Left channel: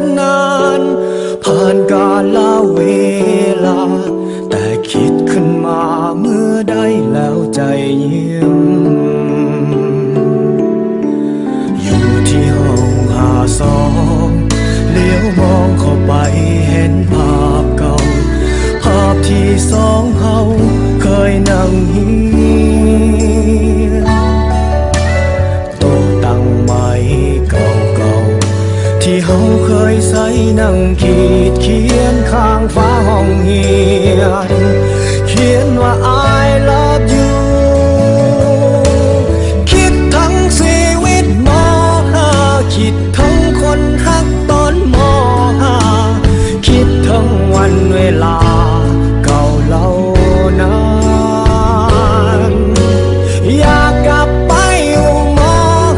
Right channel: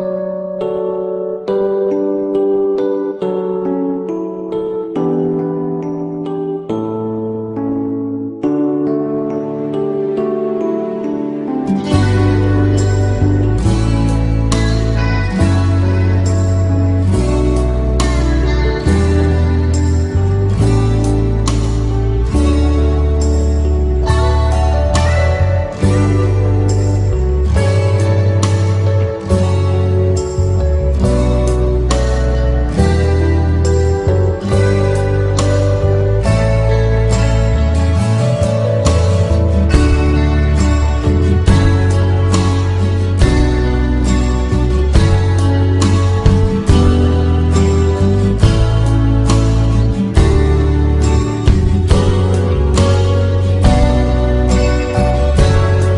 นนานผ่านกาลเวลาแต่คิดขึ้นมาเมื่อได้แล้วใจยิ้มอยู่ที่ห้อง52เลี้ยวมองเข้าไปเห็นภาพเก่าภาพที่สองเฮาเคยนั่งเฮียนโต๊ะตั้งไม้เก่าๆที่เฮาเคยใส่นั่งขีดเขียนข้างฟ้าห้องเฮียนเขียนว่า I love you คิดทั้งชีวิตม.5 คิดทั้งคนรักตอนม.5 คิดทั้งวันเวลาเก่าเล่านานอยากกลับไปอยู่ม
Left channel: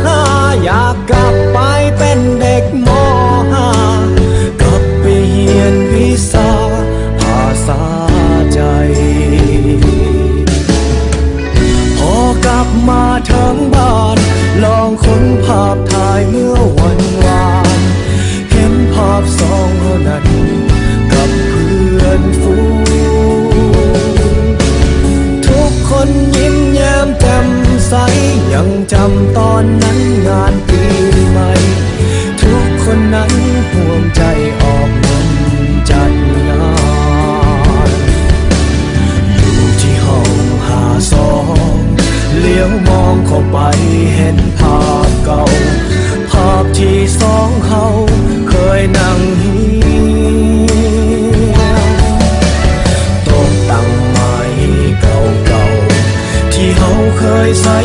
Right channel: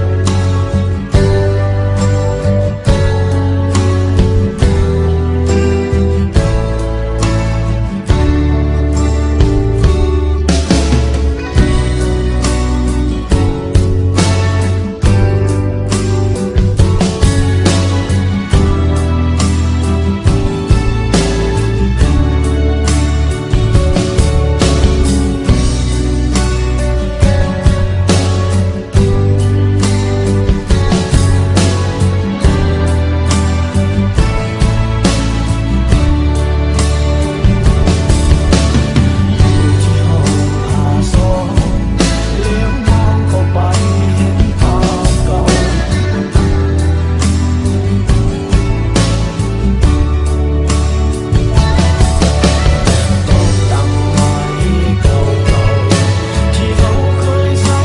.5 อยากกลับไปเป็นเด็กม.5 กลับไปเรียนวิชาภาษาใจพอกลับมาถึงบ้านลองค้นภาพถ่ายเมื่อวันวานเห็นภาพสองคนนั้นกับเพื่อนฝูงทุกคนยิ้มแย้มแจ่มใสยังจำตอนนั้นงานปีใหม่ทุกคนนั้นห่วงใจออกเงินจัดงานอยู่ที่ห้อง52เลี้ยวมองเข้าไปเห็นภาพเก่าภาพที่สองเฮาเคยนั่งเฮียนโต๊ะตั้งไม้เก่าๆที่เฮาเคยใส่